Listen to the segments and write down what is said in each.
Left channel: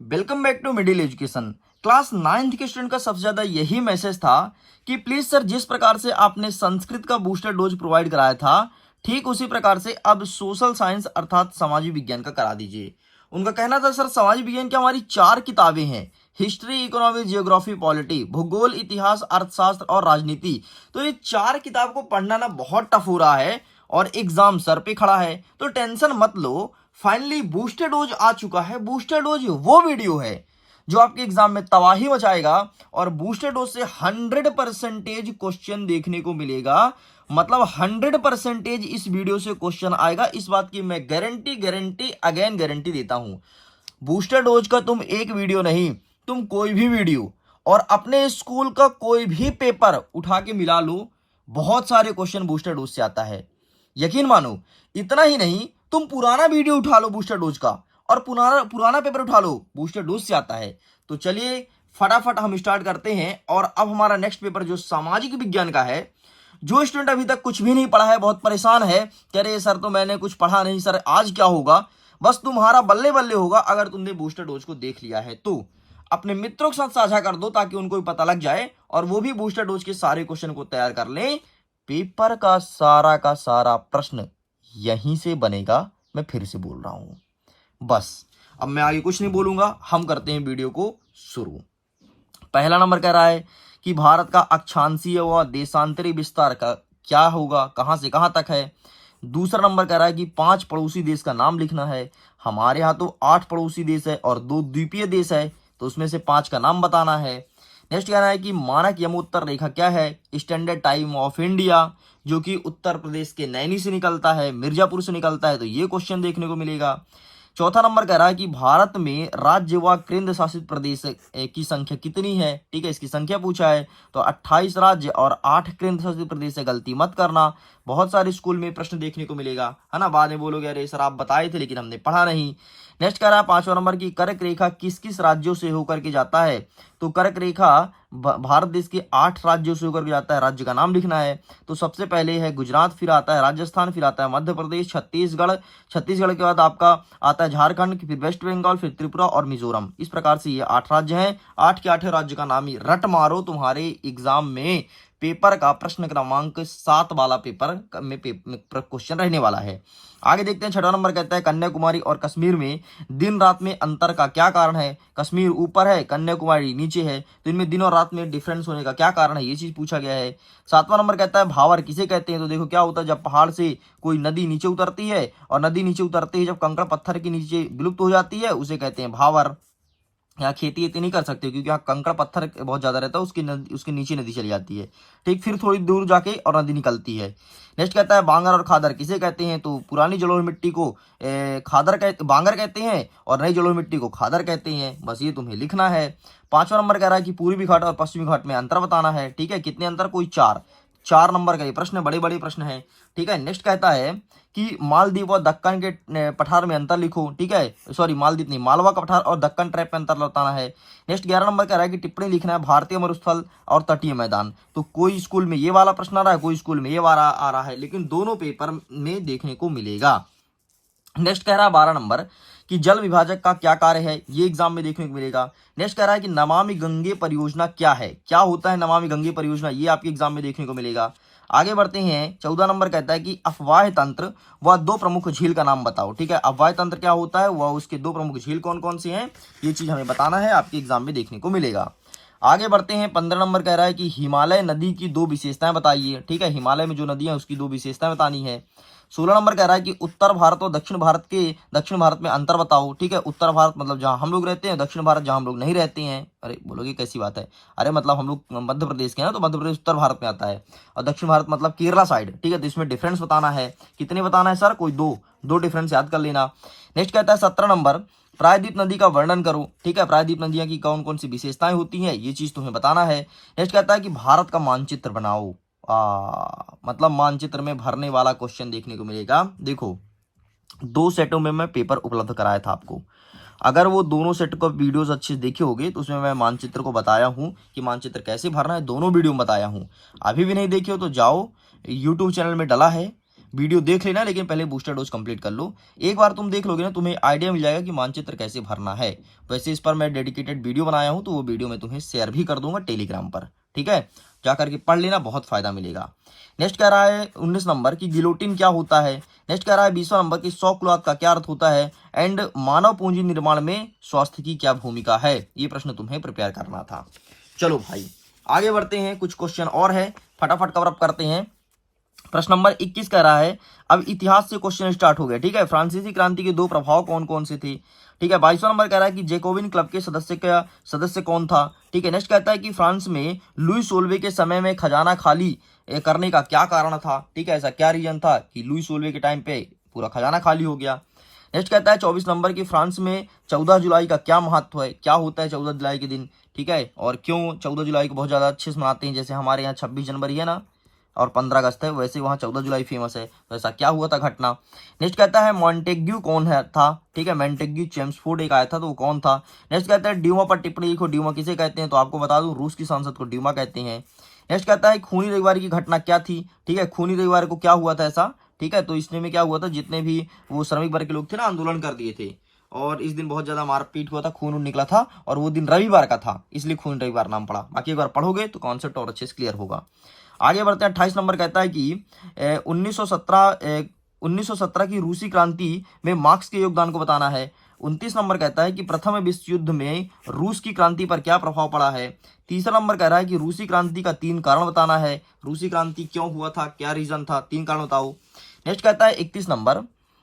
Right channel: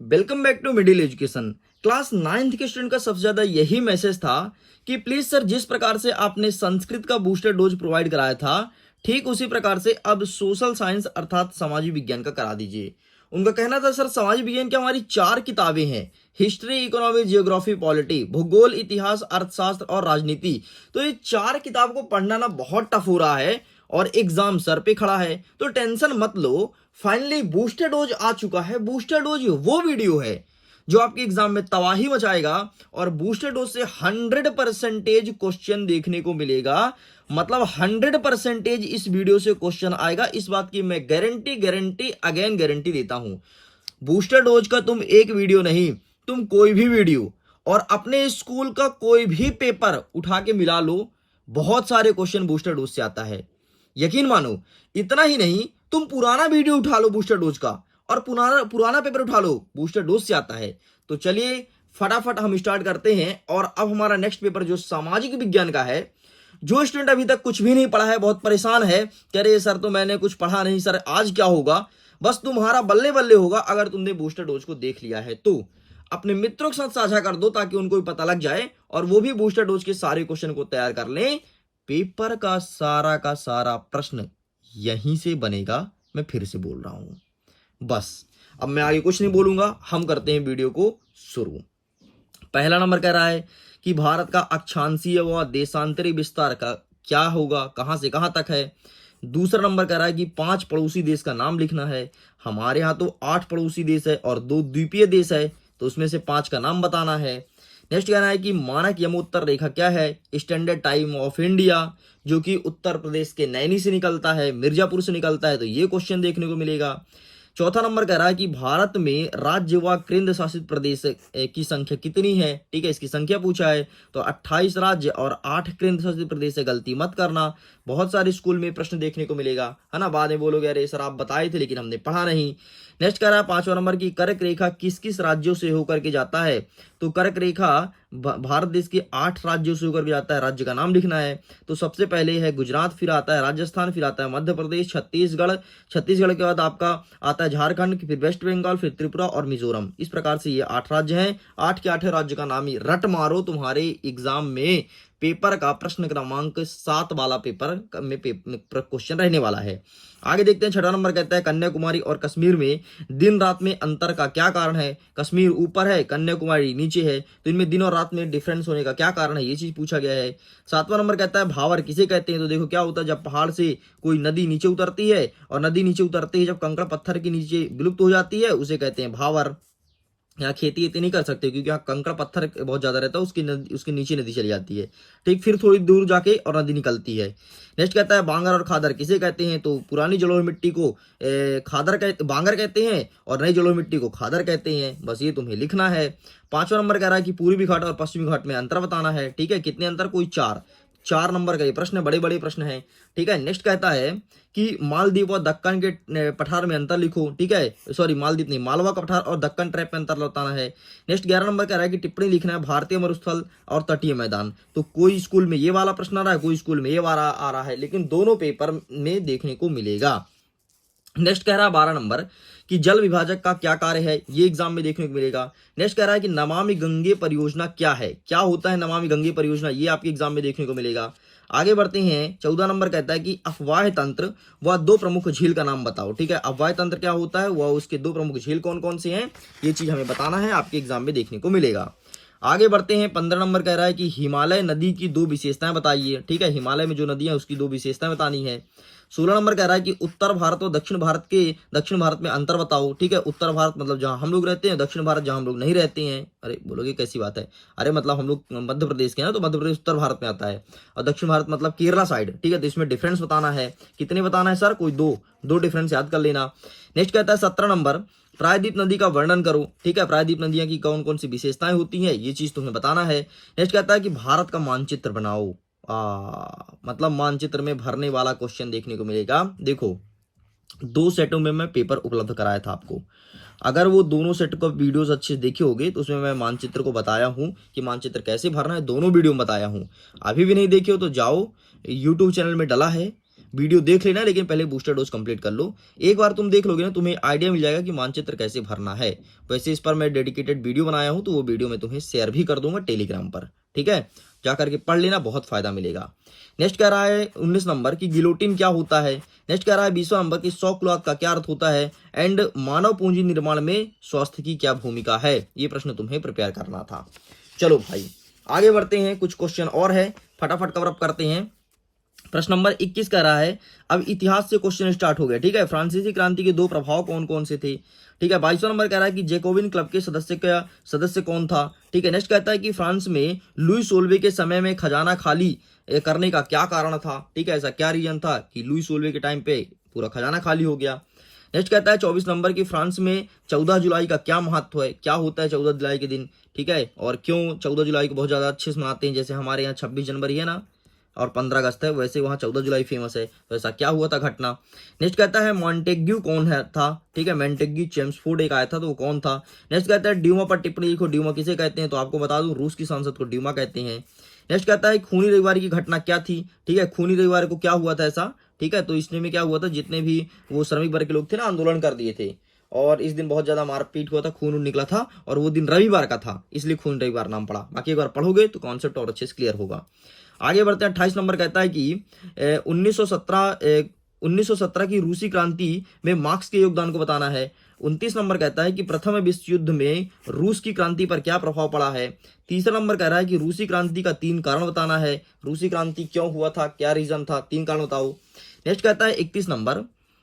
Welcome back to middle education. Class 9th के student का सबसे ज्यादा यही मैसेज था कि प्लीज सर, जिस प्रकार से आपने संस्कृत का बूस्टर डोज प्रोवाइड कराया था, ठीक उसी प्रकार से अब सोशल साइंस अर्थात सामाजिक विज्ञान का करा दीजिए। उनका कहना था सर, सामाजिक विज्ञान की हमारी 4 किताबें हैं, हिस्ट्री, इकोनॉमी, जियोग्राफी, पॉलिटी, भूगोल, इतिहास, अर्थशास्त्र और राजनीति। तो ये 4 किताब को पढ़ना ना बहुत टफ हो रहा है और एग्जाम सर पे खड़ा है। तो टेंशन मत लो, फाइनली बूस्टर डोज आ चुका है। बूस्टर डोज वो वीडियो है जो आपके एग्जाम में तबाही मचाएगा और बूस्टर डोज से 100% क्वेश्चन देखने को मिलेगा। मतलब 100% इस वीडियो से क्वेश्चन आएगा, इस बात की मैं गारंटी गारंटी अगेन गारंटी देता हूं। बूस्टर डोज का तुम एक वीडियो नहीं, तुम कोई भी वीडियो और अपने स्कूल का कोई भी पेपर उठा के मिला लो, बहुत सारे क्वेश्चन बूस्टर डोज से आता है। यकीन मानो, इतना ही नहीं, तुम पुराना वीडियो उठा लो बूस्टर डोज का और पुराना पुराना पेपर उठा लो, बूस्टर डोज से आता है। तो चलिए फटाफट हम स्टार्ट करते हैं। और अब हमारा नेक्स्ट पेपर जो सामाजिक विज्ञान का है, जो स्टूडेंट अभी तक कुछ भी नहीं पढ़ा है, बहुत परेशान है, कह रहे सर तो मैंने कुछ पढ़ा नहीं, सर आज क्या होगा, बस तुम्हारा बल्ले बल्ले होगा अगर तुमने बूस्टर डोज को देख लिया है। तो अपने मित्रों के साथ साझा कर दो ताकि उनको भी पता लग जाए और वो भी बूस्टर डोज के सारे क्वेश्चन को तैयार कर लें। पेपर का सारा प्रश्न यहीं से बनेगा। मैं फिर से बोल रहा हूं, बस अब मैं आगे कुछ नहीं बोलूंगा, हम करते हैं वीडियो को शुरू। पहला नंबर कह रहा है कि भारत का अक्षांशीय व देशांतरी विस्तार का क्या होगा, कहां से कहां तक है। दूसरा नंबर कह रहा है कि 5 पड़ोसी देश का नाम लिखना है। हमारे यहाँ तो 8 पड़ोसी देश है और 2 द्वीपीय देश है, तो उसमें से 5 का नाम बताना है। नेक्स्ट कह रहा है कि मानक यमोत्तर रेखा क्या है, स्टैंडर्ड टाइम ऑफ इंडिया, जो कि उत्तर प्रदेश के नैनी से निकलता है, मिर्जापुर से निकलता है, तो ये क्वेश्चन देखने को मिलेगा। चौथा नंबर कह रहा है कि भारत में राज्य व केंद्र शासित प्रदेश की संख्या कितनी है। ठीक है, इसकी संख्या पूछा है, तो 28 राज्य और 8 केंद्र शासित प्रदेश से गलती मत करना। बहुत सारे स्कूल में प्रश्न देखने को मिलेगा, है ना, बाद में बोलोगे अरे सर आप बताए थे लेकिन हमने पढ़ा नहीं। नेक्स्ट कह रहा है 5वां नंबर की कर्क रेखा किस किस राज्यों से होकर के जाता है। तो कर्क रेखा भारत देश के 8 राज्यों से होकर के जाता है, राज्य का नाम लिखना है। तो सबसे पहले है गुजरात, फिर आता है राजस्थान, फिर आता है मध्य प्रदेश, छत्तीसगढ़, छत्तीसगढ़ के बाद आपका आता है झारखंड, फिर वेस्ट बंगाल, फिर त्रिपुरा और मिजोरम। इस प्रकार से ये 8 राज्य हैं। 8 के 8 राज्य का नाम ही रट मारो, तुम्हारे एग्जाम में पेपर का प्रश्न क्रमांक 7 वाला पेपर में क्वेश्चन रहने वाला है। आगे देखते हैं, 6वां नंबर कहता है कन्याकुमारी और कश्मीर में दिन रात में अंतर का क्या कारण है। कश्मीर ऊपर है, कन्याकुमारी नीचे है, तो इनमें दिन और रात में डिफरेंस होने का क्या कारण है, ये चीज पूछा गया है। 7वां नंबर कहता है भावर किसे कहते हैं। तो देखो क्या होता है, जब पहाड़ से कोई नदी नीचे उतरती है और नदी नीचे उतरते ही जब कंकड़ पत्थर के नीचे विलुप्त हो जाती है, उसे कहते हैं भावर। यहाँ खेती इतनी नहीं कर सकते क्योंकि यहाँ कंकड़ पत्थर बहुत ज्यादा रहता है, उसके नीचे नदी चली जाती है। ठीक, फिर थोड़ी दूर जाके और नदी निकलती है। नेक्स्ट कहता है बांगर और खादर किसे कहते हैं। तो पुरानी जलोढ़ मिट्टी को बांगर कहते हैं और नई जलोढ़ मिट्टी को खादर कहते हैं। बस ये तुम्हें लिखना है। 5वां नंबर कह रहा है कि पूर्वी घाट और पश्चिमी घाट में अंतर बताना है। ठीक है, कितने अंतर, कोई 4 नंबर का ये प्रश्न, बड़े बड़े प्रश्न है। ठीक है, नेक्स्ट कहता है कि मालदीव और दक्कन के पठार में अंतर लिखो। ठीक है, सॉरी मालदीव नहीं, मालवा का पठार और दक्कन ट्रैप में अंतर बताना है। नेक्स्ट 11 नंबर कह रहा है कि टिप्पणी लिखना है भारतीय मरुस्थल और तटीय मैदान। तो कोई स्कूल में ये वाला प्रश्न आ रहा है, कोई स्कूल में ये वाला आ रहा है, लेकिन दोनों पेपर में देखने को मिलेगा। नेक्स्ट कह रहा है 12 नंबर कि जल विभाजक का क्या कार्य है, ये एग्जाम में देखने को मिलेगा। नेक्स्ट कह रहा है कि नमामि गंगे परियोजना क्या है, क्या होता है नमामि गंगे परियोजना, ये आपके एग्जाम में देखने को मिलेगा। आगे बढ़ते हैं, 14 नंबर कहता है कि अफवाह तंत्र व 2 प्रमुख झील का नाम बताओ। ठीक है, अफवाह तंत्र क्या होता है, वह उसके 2 प्रमुख झील कौन कौन से हैं, ये चीज हमें बताना है, आपके एग्जाम में देखने को मिलेगा। आगे बढ़ते हैं, 15 नंबर कह रहा है कि हिमालय नदी की 2 विशेषताएं बताइए। ठीक है, हिमालय में जो नदी है उसकी 2 विशेषताएं बतानी है। 16 नंबर कह रहा है कि उत्तर भारत और दक्षिण भारत में अंतर बताओ। ठीक है, उत्तर भारत मतलब जहां हम लोग रहते हैं, दक्षिण भारत जहां हम लोग नहीं रहते हैं। अरे बोलोगे कैसी बात है, अरे मतलब हम लोग मध्य प्रदेश के हैं तो मध्य प्रदेश उत्तर भारत में आता है और दक्षिण भारत मतलब केरला साइड। ठीक है, तो इसमें डिफरेंस बताना है, कितने बताना है सर, कोई 2 डिफरेंस याद कर लेना। नेक्स्ट कहता है 17 नंबर प्रायद्वीप नदी का वर्णन करो। ठीक है, प्रायद्वीप नदियां की कौन कौन सी विशेषताएं होती हैं, ये चीज तुम्हें बताना है। नेक्स्ट कहता है कि भारत का मानचित्र बनाओ। मतलब मानचित्र में भरने वाला क्वेश्चन देखने को मिलेगा। देखो 2 सेटों में मैं पेपर उपलब्ध कराया था आपको, अगर वो दोनों सेट को वीडियोस अच्छे से देखे होगे तो उसमें मैं मानचित्र को बताया हूं कि मानचित्र कैसे भरना है, दोनों वीडियो में बताया हूं। अभी भी नहीं देखे हो तो जाओ, यूट्यूब चैनल में डला है, वीडियो देख लेना, लेकिन पहले बूस्टर डोज कंप्लीट कर लो। एक बार तुम देख लोगे ना, तुम्हें आइडिया मिल जाएगा कि मानचित्र कैसे भरना है। वैसे इस पर मैं डेडिकेटेड वीडियो बनाया हूं, तो वो वीडियो मैं तुम्हें शेयर भी कर दूंगा टेलीग्राम पर, ठीक है। जा करके पढ़ लेना, बहुत फायदा मिलेगा। नेक्स्ट कह रहा है 19 नंबर की गिलोटिन क्या होता है। नेक्स्ट कह रहा है 20वां नंबर की शॉक क्लॉथ का क्या अर्थ होता है। एंड मानव पूंजी निर्माण में स्वास्थ्य की क्या भूमिका है। ये प्रश्न तुम्हें प्रिपेयर करना था। चलो भाई आगे बढ़ते हैं, कुछ क्वेश्चन और है, फटाफट कवर अप करते हैं। प्रश्न नंबर 21 कह रहा है, अब इतिहास से क्वेश्चन स्टार्ट हो गया, ठीक है। फ्रांसीसी क्रांति के 2 प्रभाव कौन कौन से थे, ठीक है। 22वां नंबर कह रहा है कि जैकोबिन क्लब के सदस्य कौन था, ठीक है। नेक्स्ट कहता है कि फ्रांस में लुई 16वें के समय में खजाना खाली करने का क्या कारण था, ठीक है। ऐसा क्या रीजन था कि लुई 16वें के टाइम पे पूरा खजाना खाली हो गया। नेक्स्ट कहता है 24 नंबर की फ्रांस में 14 जुलाई का क्या महत्व है, क्या होता है 14 जुलाई के दिन, ठीक है। और क्यों 14 जुलाई को बहुत ज्यादा अच्छे से मनाते हैं, जैसे हमारे यहाँ 26 जनवरी है ना और 15 अगस्त है, वैसे वहाँ 14 जुलाई फेमस है। तो ऐसा क्या हुआ था घटना। नेक्स्ट कहता है मॉन्टेग्यू कौन है था, ठीक है। मॉन्टेग्यू चेम्सफोर्ड एक आया था, तो वो कौन था। नेक्स्ट कहता है ड्यूमा पर टिप्पणी लिखो, ड्यूमा किसे कहते हैं, तो आपको बता दूं रूस की सांसद को ड्यूमा कहते हैं। नेक्स्ट कहता है खूनी रविवार की घटना क्या थी, ठीक है। खूनी रविवार को क्या हुआ था ऐसा, ठीक है। तो इसमें में क्या हुआ था, जितने भी वो श्रमिक वर्ग के लोग थे ना, आंदोलन कर दिए थे और इस दिन बहुत ज्यादा मारपीट हुआ था, खून निकला था और वो दिन रविवार का था, इसलिए खून रविवार नाम पड़ा। बाकी एक बार पढ़ोगे तो कॉन्सेप्ट और अच्छे से क्लियर होगा। आगे बढ़ते हैं। 28 नंबर कहता है कि 1917 की रूसी क्रांति में मार्क्स के योगदान को बताना है। 29 नंबर कहता है कि प्रथम विश्व युद्ध में रूस की क्रांति पर क्या प्रभाव पड़ा है। तीसरा नंबर कह रहा है कि रूसी क्रांति का 3 कारण बताना है, रूसी क्रांति क्यों हुआ था, क्या रीजन था, 3 कारण बताओ। नेक्स्ट कहता है 31 नंबर,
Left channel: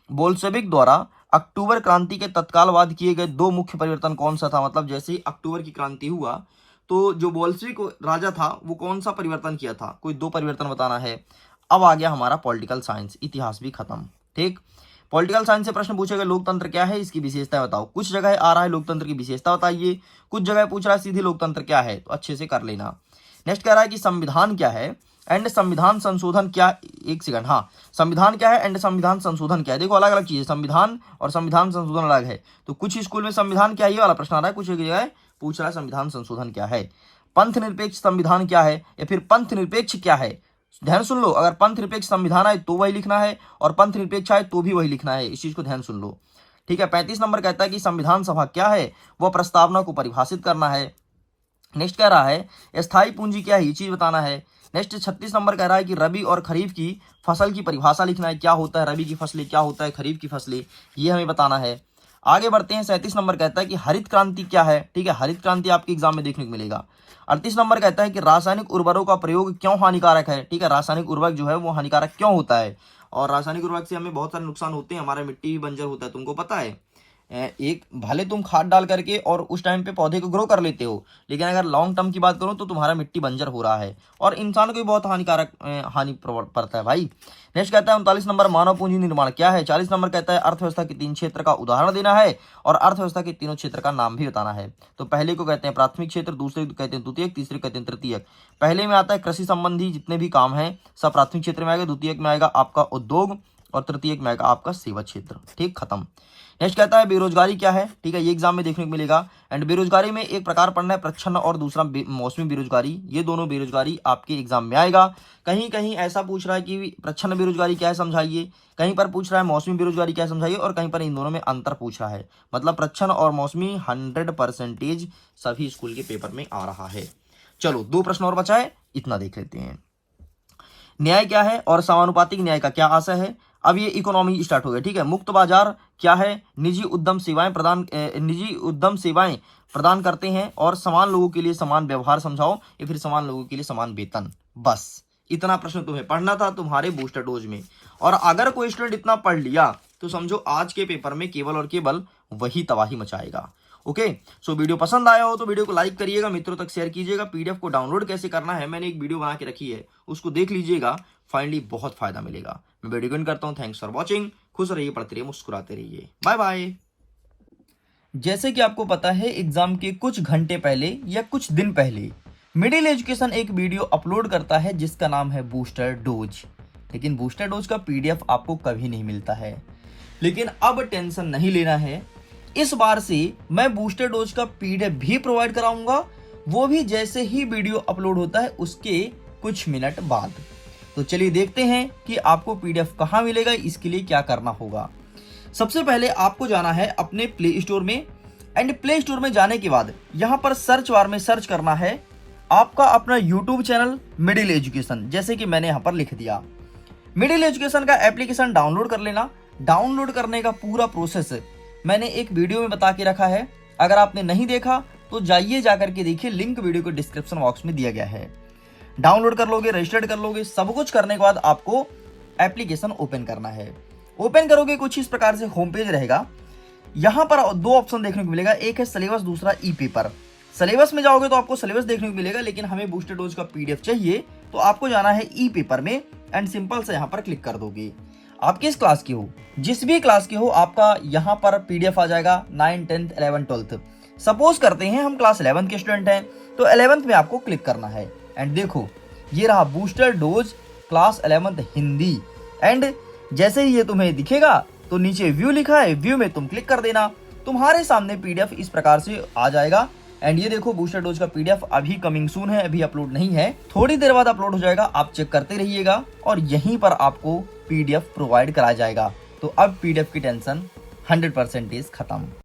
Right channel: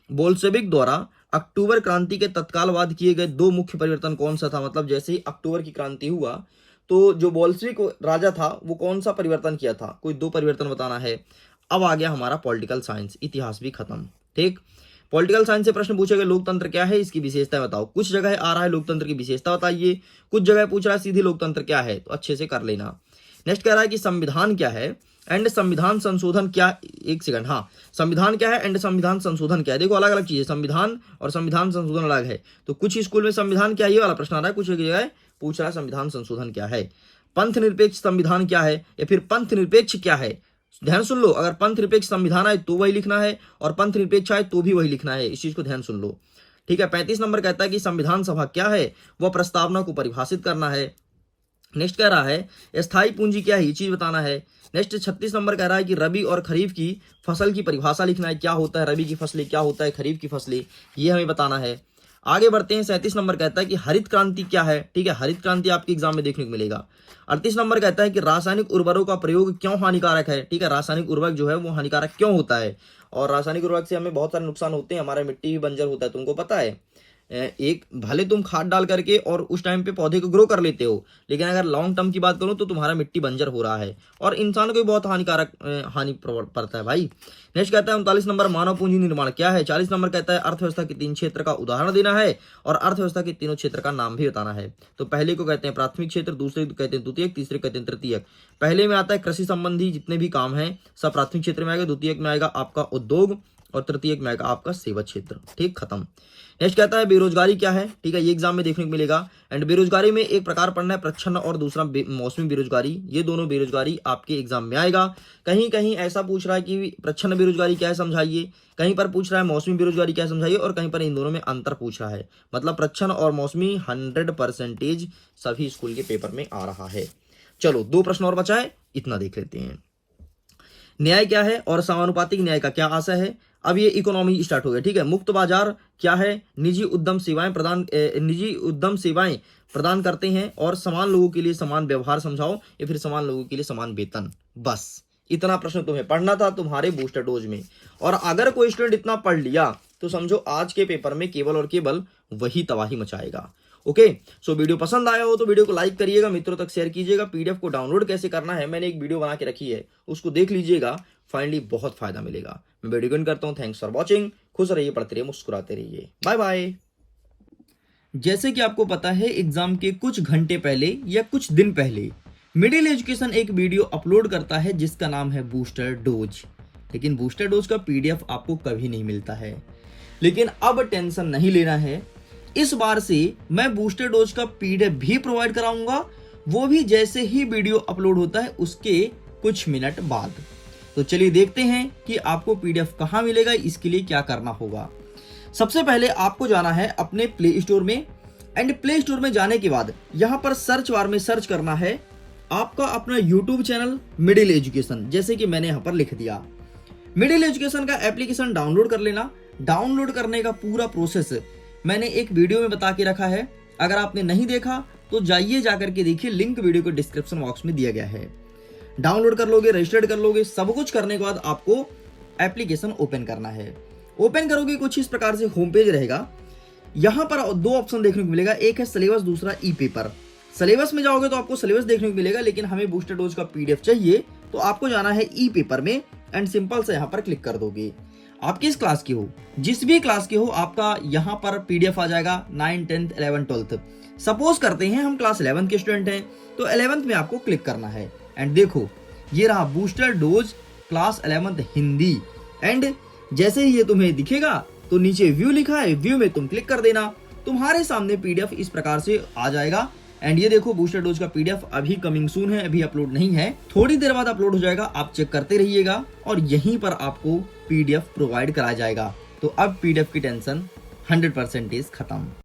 बोल्शेविक द्वारा अक्टूबर क्रांति के तत्काल बाद किए गए 2 मुख्य परिवर्तन कौन सा था। मतलब जैसे ही अक्टूबर की क्रांति हुआ तो जो बोल्शेविक राजा था वो कौन सा परिवर्तन किया था, कोई 2 परिवर्तन बताना है। अब आ गया हमारा पॉलिटिकल साइंस, इतिहास भी खत्म, ठीक। पॉलिटिकल साइंस से प्रश्न पूछेगा लोकतंत्र क्या है, इसकी विशेषता बताओ। कुछ जगह आ रहा है लोकतंत्र की विशेषता बताइए, कुछ जगह पूछ रहा है सीधे लोकतंत्र क्या है, तो अच्छे से कर लेना। नेक्स्ट कह रहा है कि संविधान क्या है एंड संविधान संशोधन क्या, एक सेकंड, हाँ, संविधान क्या है एंड संविधान संशोधन क्या है। देखो अलग अलग चीज है, संविधान और संविधान संशोधन अलग है। तो कुछ स्कूल में संविधान क्या है ये वाला प्रश्न आ रहा है, कुछ जगह पूछ रहा है संविधान संशोधन क्या है। पंथ निरपेक्ष संविधान क्या है या फिर पंथ निरपेक्ष क्या है, ध्यान सुन लो। अगर पंथ निरपेक्ष संविधान आए तो वही लिखना है और पंथ निरपेक्ष आए तो भी वही लिखना है, इस चीज को ध्यान सुन लो, ठीक है। 35 नंबर कहता है कि संविधान सभा क्या है, वह प्रस्तावना को परिभाषित करना है। नेक्स्ट कह रहा है स्थायी पूंजी क्या है, ये चीज बताना है। नेक्स्ट 36 नंबर कह रहा है कि रबी और खरीफ की फसल की परिभाषा लिखना है, क्या होता है रबी की फसलें, क्या होता है खरीफ की फसलें, ये हमें बताना है। आगे बढ़ते हैं। 37 नंबर कहता है कि हरित क्रांति क्या है, ठीक है। हरित क्रांति आपके एग्जाम में देखने को मिलेगा। 38 नंबर कहता है कि रासायनिक उर्वरकों का प्रयोग क्यों हानिकारक है, ठीक है। रासायनिक उर्वरक जो है वो हानिकारक क्यों होता है, और रासायनिक उर्वरक से हमें बहुत सारे नुकसान होते हैं, हमारा मिट्टी भी बंजर होता है, तुमको पता है। एक भले तुम खाद डाल करके और उस टाइम पे पौधे को ग्रो कर लेते हो, लेकिन अगर लॉन्ग टर्म की बात करो तो तुम्हारा मिट्टी बंजर हो रहा है और इंसान को भी बहुत हानिकारक हानि पड़ता है भाई। नेक्स्ट कहता है 39 नंबर मानव पूंजी निर्माण क्या है। 40 नंबर कहता है अर्थव्यवस्था के 3 क्षेत्र का उदाहरण देना है और अर्थव्यवस्था के तीनों क्षेत्र का नाम भी बताना है। तो पहले को कहते हैं प्राथमिक क्षेत्र, दूसरे को कहते हैं द्वितीयक, तीसरे कहते हैं तृतीयक। पहले में आता है कृषि संबंधी जितने भी काम है सब प्राथमिक क्षेत्र में आएगा, द्वितीयक में आएगा आपका उद्योग और तृतीयक में आएगा आपका सेवा क्षेत्र, ठीक, खत्म। नेक्स्ट कहता है बेरोजगारी क्या है, ठीक है, ये एग्जाम में देखने को मिलेगा। एंड बेरोजगारी में एक प्रकार पढ़ना है प्रच्छन्न और दूसरा मौसमी बेरोजगारी, ये दोनों बेरोजगारी आपके एग्जाम में आएगा। कहीं कहीं ऐसा पूछ रहा है कि प्रच्छन्न बेरोजगारी क्या है समझाइए, कहीं पर पूछ रहा है मौसमी बेरोजगारी क्या समझाइए, और कहीं पर इन दोनों में अंतर पूछ रहा है। मतलब प्रच्छन्न और मौसमी 100% सभी स्कूल के पेपर में आ रहा है। चलो 2 प्रश्न और बचा है, इतना देख लेते हैं। न्याय क्या है और समानुपातिक न्याय का क्या आशय है। अब ये इकोनॉमी स्टार्ट हो गया, ठीक है। मुक्त बाजार क्या है, निजी उद्यम सेवाएं प्रदान करते हैं और समान लोगों के लिए समान व्यवहार समझाओ या फिर समान लोगों के लिए समान वेतन। बस इतना प्रश्न तुम्हें पढ़ना था तुम्हारे बूस्टर डोज में, और अगर कोई स्टूडेंट इतना पढ़ लिया तो समझो आज के पेपर में केवल और केवल वही तबाही मचाएगा। ओके, सो वीडियो पसंद आया हो तो वीडियो को लाइक करिएगा, मित्रों तक शेयर कीजिएगा। पीडीएफ को डाउनलोड कैसे करना है मैंने एक वीडियो बना के रखी है, उसको देख लीजिएगा, फाइनली बहुत फायदा मिलेगा। मैं वीडियो को एंड करता हूँ। Thanks for watching. खुश रहिए, पढ़ते रहिए, मुस्कुराते रहिए। Bye bye. जैसे कि आपको पता है एग्जाम के कुछ घंटे पहले या कुछ दिन पहले मिडिल एजुकेशन एक वीडियो अपलोड करता है जिसका नाम है बूस्टर डोज, लेकिन बूस्टर डोज का पीडीएफ आपको कभी नहीं मिलता है। लेकिन अब टेंशन नहीं लेना है, इस बार से मैं बूस्टर डोज का पीडीएफ भी प्रोवाइड कराऊंगा, वो भी जैसे ही वीडियो अपलोड होता है उसके कुछ मिनट बाद। तो चलिए देखते हैं कि आपको पीडीएफ कहाँ मिलेगा, इसके लिए क्या करना होगा। सबसे पहले आपको जाना है अपने प्ले स्टोर में, एंड प्ले स्टोर में जाने के बाद यहाँ पर सर्च बार में सर्च करना है आपका अपना यूट्यूब चैनल मिडिल एजुकेशन, जैसे कि मैंने यहाँ पर लिख दिया। मिडिल एजुकेशन का एप्लीकेशन डाउनलोड कर लेना। डाउनलोड करने का पूरा प्रोसेस मैंने एक वीडियो में बता के रखा है, अगर आपने नहीं देखा तो जाइए जाकर के देखिए, लिंक वीडियो को डिस्क्रिप्शन बॉक्स में दिया गया है। डाउनलोड कर लोगे, रजिस्टर्ड कर लोगे, सब कुछ करने के बाद आपको एप्लीकेशन ओपन करना है। ओपन करोगे कुछ इस प्रकार से होम पेज रहेगा। यहाँ पर दो ऑप्शन देखने को मिलेगा, एक है सिलेबस, दूसरा ई पेपर। सिलेबस में जाओगे तो आपको सिलेबस देखने को मिलेगा, लेकिन हमें बूस्टर डोज का पीडीएफ चाहिए तो आपको जाना है ई पेपर में, एंड सिंपल से यहाँ पर क्लिक कर दोगे। आप किस क्लास के हो, जिस भी क्लास के हो, आपका यहाँ पर पीडीएफ आ जाएगा 9, 10, 11, 12। सपोज करते हैं हम क्लास 11 के स्टूडेंट हैं, तो 11th में आपको क्लिक करना है। एंड देखो ये रहा booster dose class 11th Hindi. And जैसे ही ये तुम्हें दिखेगा तो नीचे व्यू लिखा है, व्यू में तुम क्लिक कर देना, तुम्हारे सामने पीडीएफ इस प्रकार से आ जाएगा। एंड ये देखो बूस्टर डोज का पीडीएफ अभी कमिंग सून है, अभी अपलोड नहीं है, थोड़ी देर बाद अपलोड हो जाएगा, आप चेक करते रहिएगा और यहीं पर आपको पीडीएफ प्रोवाइड कराया जाएगा। तो अब पीडीएफ की टेंशन 100% खत्म।